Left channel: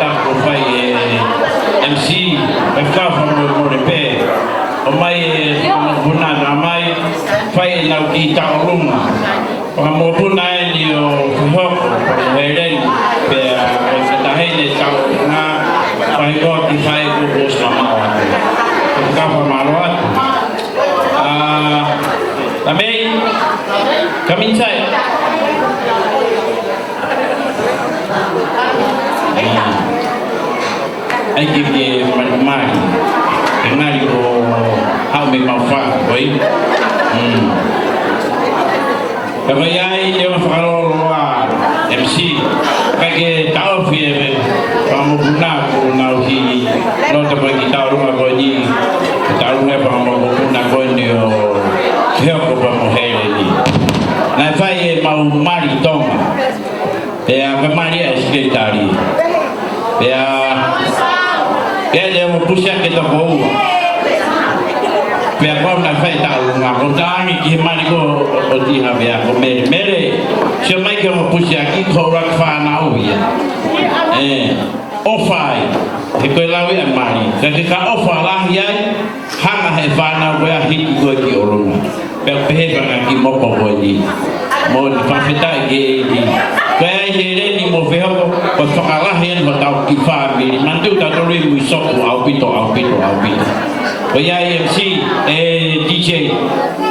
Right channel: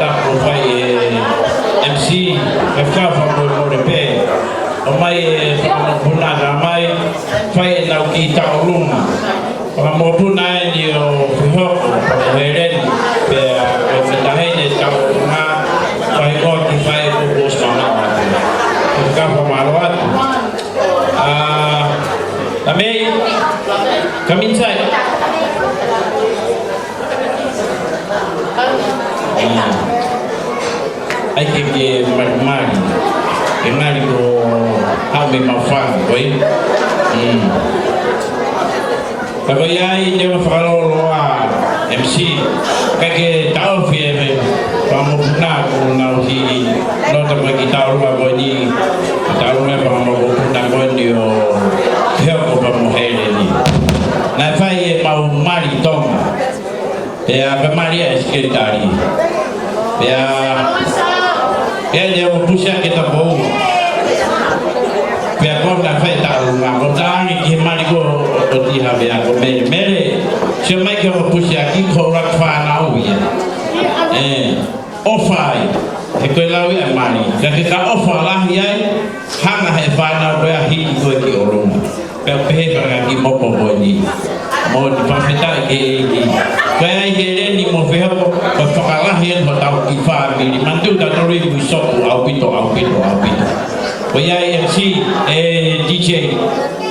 da ko fai MC e fa mo repe o mai fa buna na mai fai na ki ta oruma o mo buna ni o ho ko helen pe e ta hene ta oruma fai ko ki fai ko bos mama wa ko ka fa malo at também caminho sai ai que mais que nari ko au me mafa oi pero ai le uma falo a MC que tau fie vamos na uki no te pa kita rumah ko ni tahu me pa mo ko na ko ndio heo ko pa mo hele ni na fai mau mari toma pe a Maria secretari pe a que le mo puxa que to ko pe a ko na fai ta rumah ko ta ni ki mari ko o di ha be a ko mere se mai que mo puxa ki ko rak fa na u ofai e ko lawe a mari ka ofa la yai hanga he vana ko a hiki ko ki orona pe pe ba ki mo po ni mo ni pa fita ke ni ka ye ni mo fe ko to ka la he mo ta ki fa mi mantu ta to ri mu so ko au pito ko ya MC DJ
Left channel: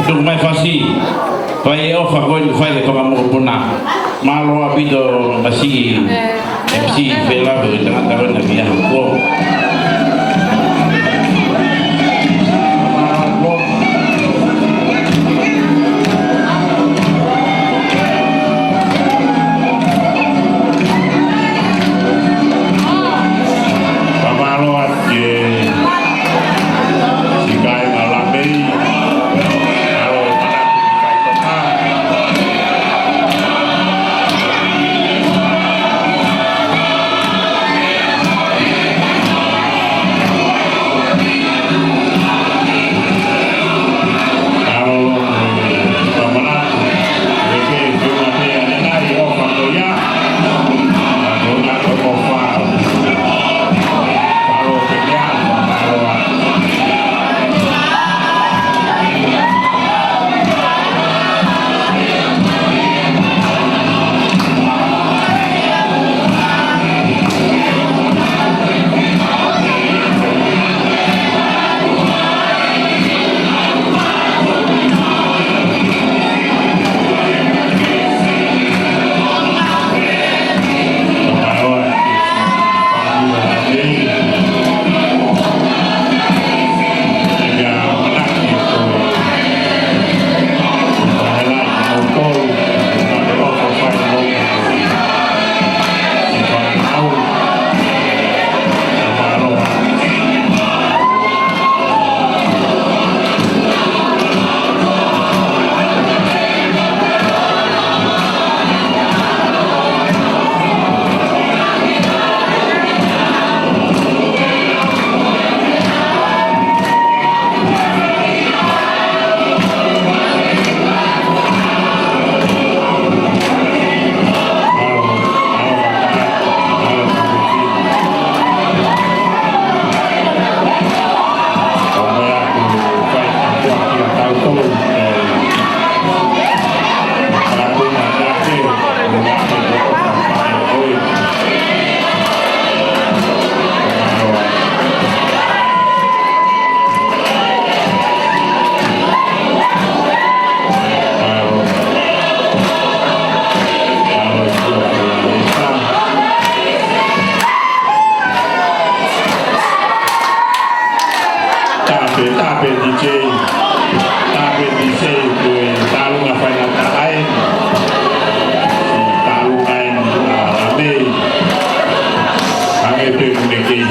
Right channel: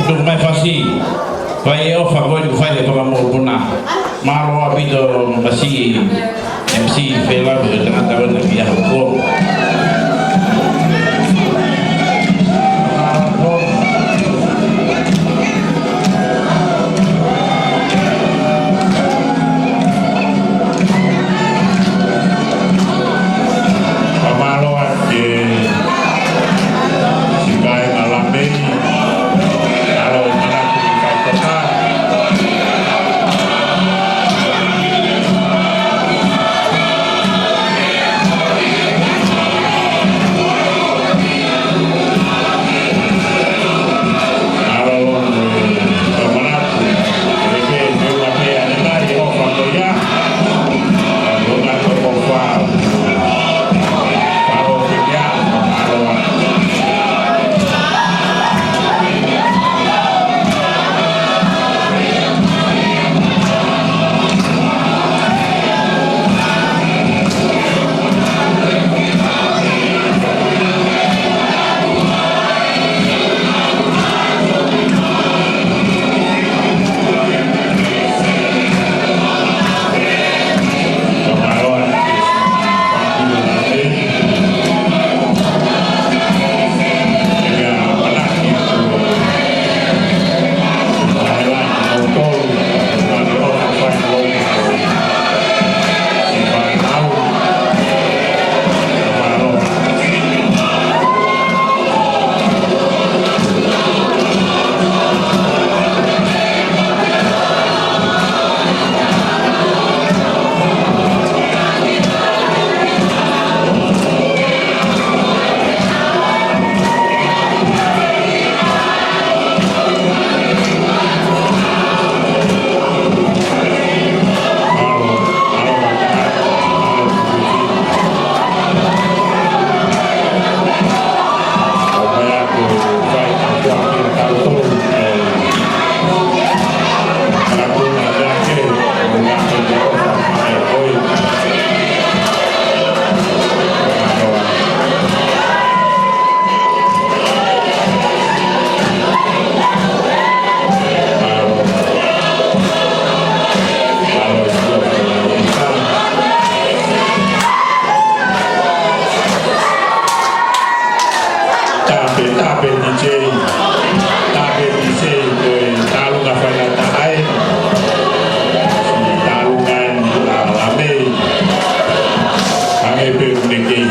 do mai fasi pa ye ofa ko ni fa le ko mo puna malo a pito basi MC Bella de tengah-tengah lagi yang hukum. Pamaluan ke sikai ngalamei kalau mana sikai kota. tape DJ tape DJ ke talu ngafai ngata ai talu ngain la lame kami pe mekei